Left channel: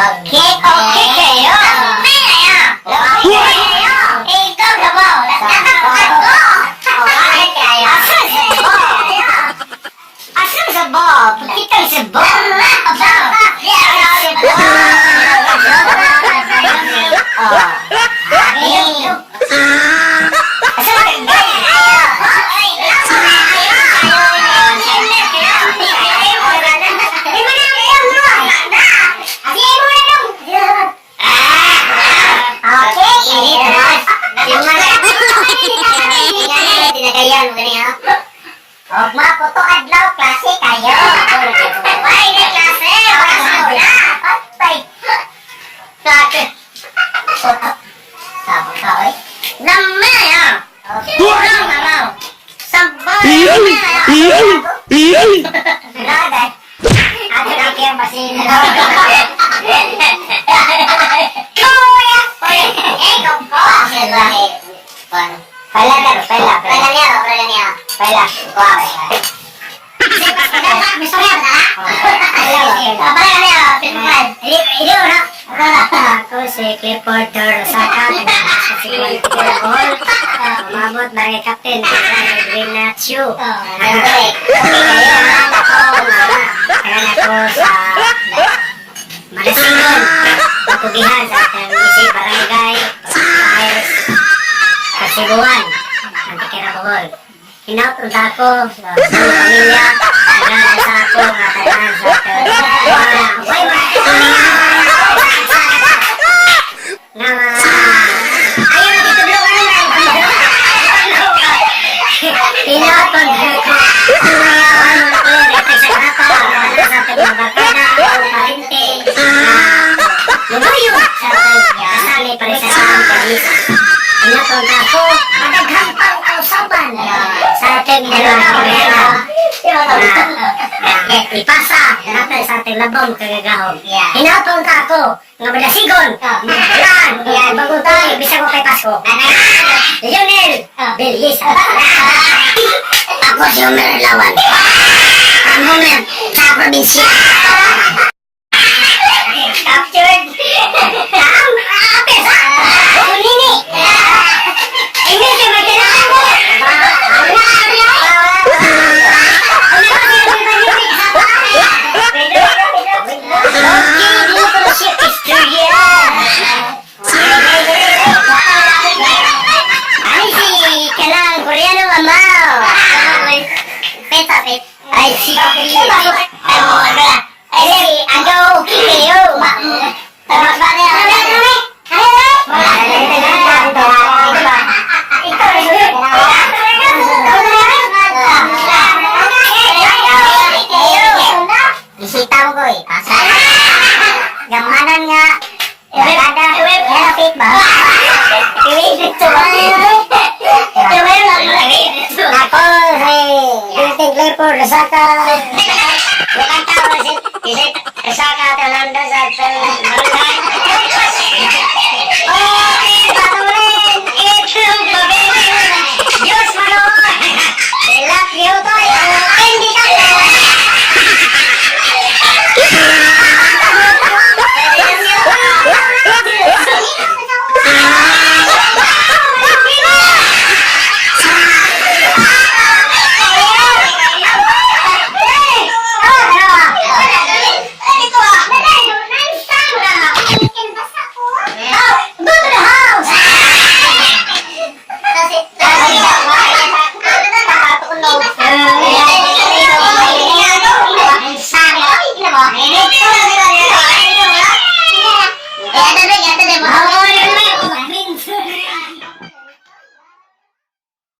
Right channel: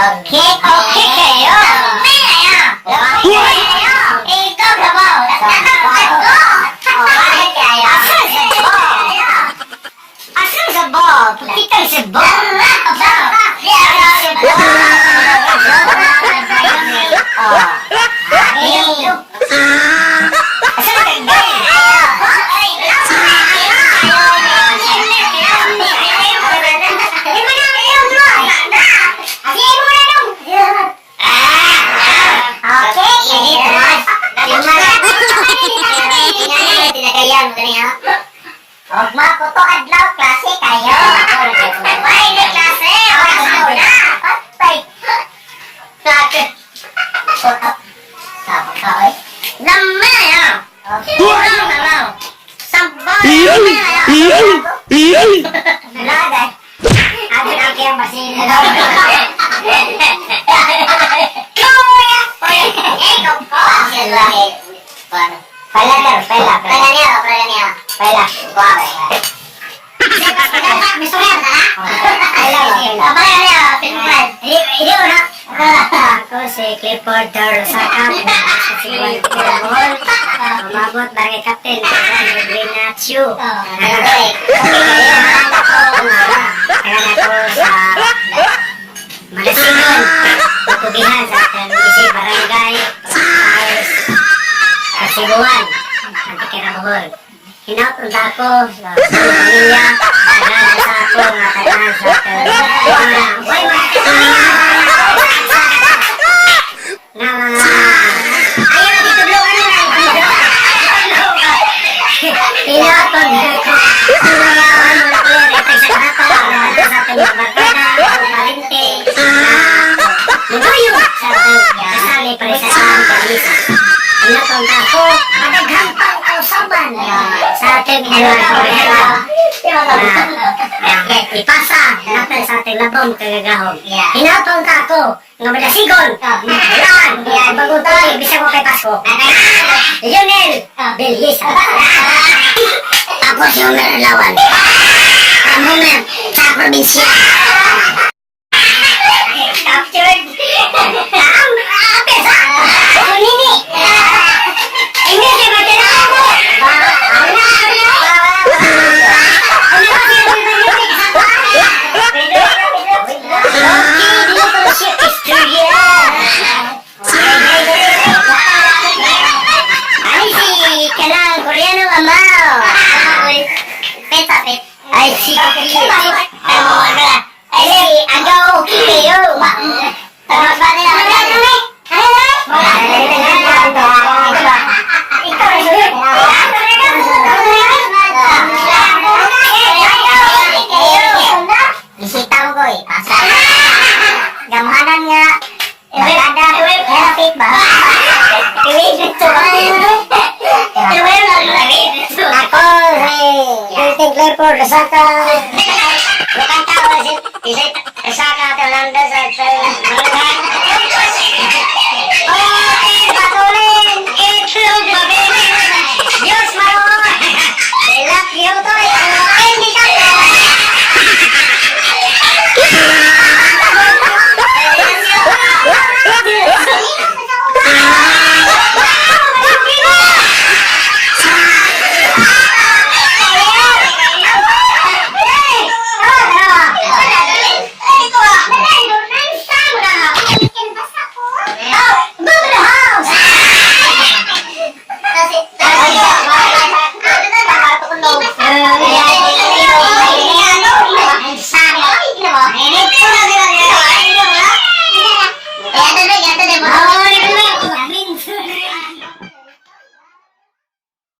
Okay, okay kayo. Okay kayo. Okay kayo. Ikaw na ba? Nagkakaroon ko. Okay kayo. Asan sa Bob? Asan sa Bob? Kitang sa Bob. Asan sa Bob? Maputo adlaw klase kayo. Why na klase? Wala na. Patay. Klase. Sabang ka oy. Namaya. Lang na lang. Sabay. Lagay. Ako na kaya masin. Kuya. Ikaw ko. Pala niya. Pala. Kuha. Gusto niya ba na? Pala niya. Hindi mo na. Ako si Clifford Dorosaka. Si Clifford Ball. Umabot barangay captain. Green Nacho. Kaya ako sa Malasingon. Patugihan sa isip barangay. Kasibuan. Antikirabuhol. Hinapunta ako sa pamilya. Nagasa ako nga katahan sa Why man? Ayaw na titublogan na lang. Hinapunta ako. Ayaw na kulirik sa kata. Sa ating mga barkada. Parente. Lumayo. Kasali pa rin sa ating pamilya. Hinapunta ako. Madaghang pang kausaban. Sa ating mga barkada. Ipasa natin sa ating labong kagagahon. Hinapunta ako nga madasigon. Yan. Bagong tayo. Bisa ko kay Pasko. Lionel Belisa. Ako si Homer Lawan. Ang Homer sa probinsya. Captured. Pesa. Kunini. Ini siya magkailangan mo. Ay, si agaw kayo. Mas ba nila? Isita mo ko eh. Gamahanan nga. Barkada. Helapit ba? Iwig dito ba? Ako si Clifford Dorosaka. Bukan tahu sih. Dorosaka Telanda sa barangay.